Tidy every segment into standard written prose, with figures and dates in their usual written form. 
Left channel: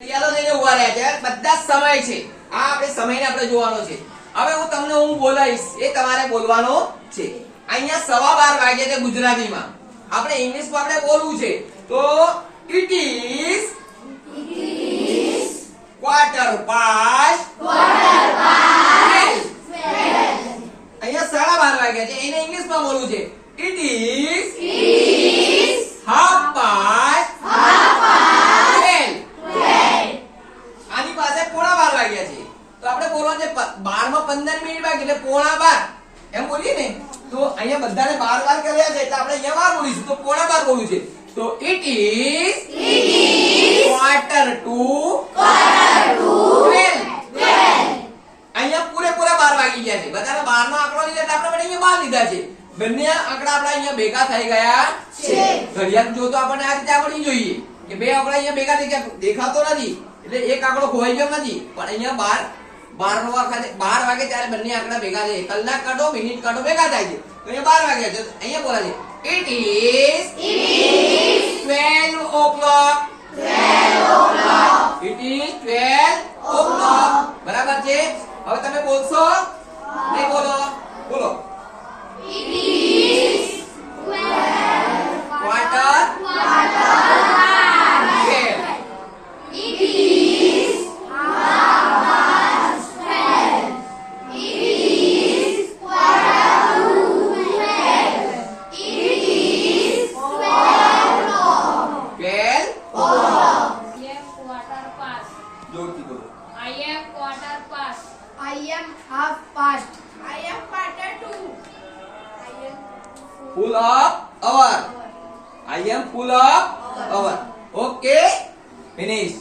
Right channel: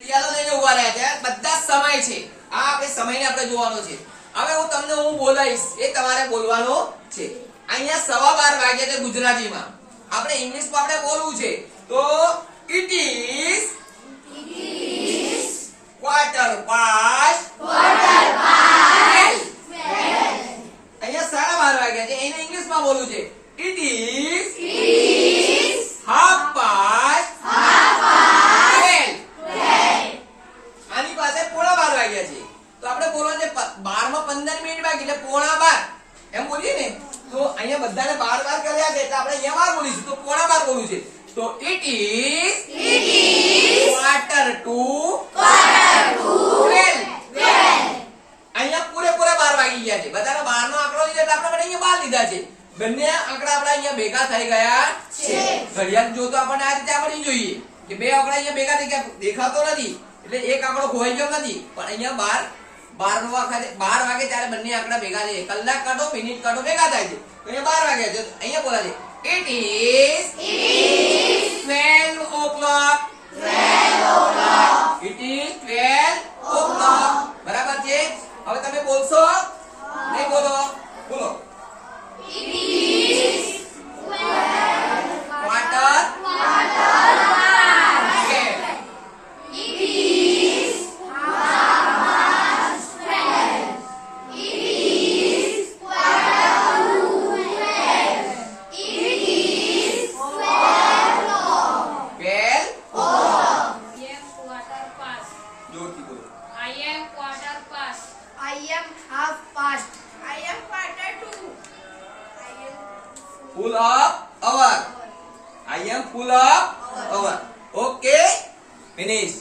ઘડિયાળો લઈને ઉભા રહ્યા છે બધા સમય છે આ આપણે સમયને આપણે જોવાનો છે હવે હું બોલાઈશ એ તમારે બોલવાનો છે અહીંયા 12:15 વાગ્યા છે ગુજરાતીમાં આપણે ઇંગ્લિશમાં આપણે બોલવું છે તો ઇટ ઇઝ quarter past 12 અહીંયા 12:30 વાગ્યા છે એને ઇંગ્લિશમાં બોલવું છે ઇટ ઇઝ half past 12 આની પાસે 12:15 વાગ્યા છે તો આપણે બોલવાનું છે 12 માં 15 મિનિટ બાકી એટલે 12:15 એમ બોલીએ ને તો અહીંયા બધાને 12 કર્યા છે એટલે આપણે અહીંયા 12 બોલીશું તો 12:15 બોલવું છે તો ઇટ ઇઝ quarter to 12 અહીંયા પૂરેપૂરા 12 વાગી ગયા છે બધાનો 12 નો આંકડો લીધો એટલે આપણે અહીંયા 12 લીધા છે બંને આંકડા આપણા અહીંયા ભેગા થઈ ગયા છે ઘડિયાળ જો તો આપણને આ રીતે આવડવી જોઈએ કે બે આંકડા અહીંયા ભેગા થઈ ગયા દેખાતો નથી એટલે એક આંકડો ખોવાઈ ગયો નથી પણ અહીંયા 12 વાગે ત્યારે બંને આંકડા ભેગા છે કલાક કાઢો મિનિટ કાઢો ભેગા થાય છે તો અહીંયા 12 વાગ્યા છે અહીંયા બોલા છે it is 12 o'clock it is 12 o'clock બરાબર છે હવે તમે બોલશો નહીં બોલો It is 12 quarter 12. It is half past 12. It is quarter to 12. It is 12 o'clock. 12 o'clock I am quarter past. જોરથી બોલો I am quarter past. I am half past. I am quarter to. I am full of hour I am full of hour okay finish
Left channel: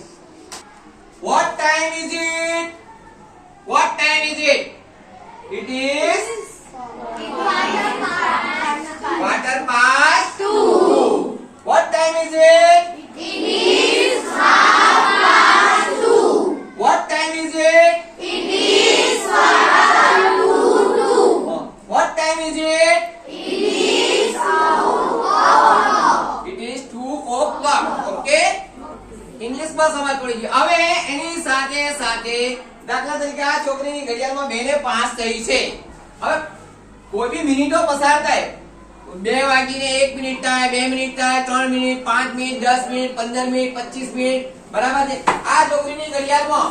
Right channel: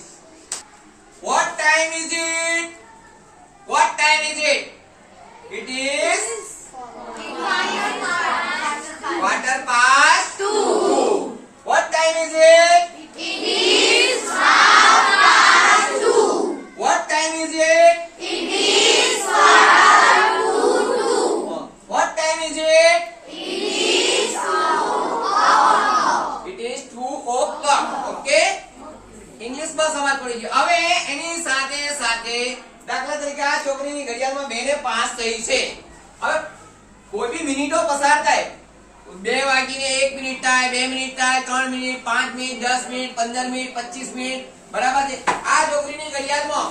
what time is it it is quarter past 2 what time is it It is half past 2. what time is it It is quarter to 2. what time is it It is 2 it is 2 o'clock okay English માં સમાજ પડી ગયો હવે એની સાથે સાથે દાખલા તરીકે આ છોકરીની ઘડિયાળમાં 2 ને 5 થઈ છે હવે કોઈ બી મિનિટો પસાર થાય 2 વાગીને 1 મિનિટ થાય 2 મિનિટ થાય 3 minute 5 minute 10 minute 15 minute 25 minute બરાબર છે આ છોકરીની ઘડિયાળમાં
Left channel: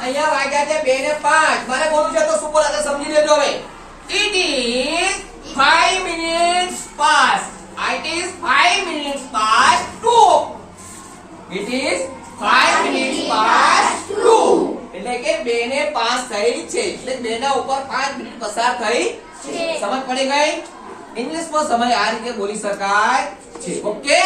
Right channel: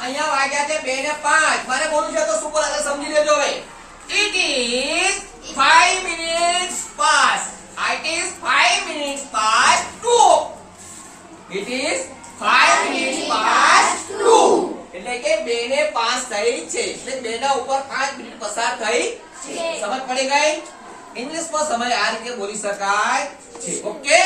અહીંયા વાગ્યા છે 2 ને 5 મારે બોલવું છે તો શું બોલાશે સમજી લેજો હવે it is 5 minutes past it is 5 minutes past 2 it is 5 minutes past 2 એટલે કે 2 ને 5 થઈ છે એટલે 2 ના ઉપર 5 મિનિટ પસાર થઈ છે સમજ પડી ગઈ ઇંગ્લિશમાં સમય આ રીતે બોલી શકાય છે ઓકે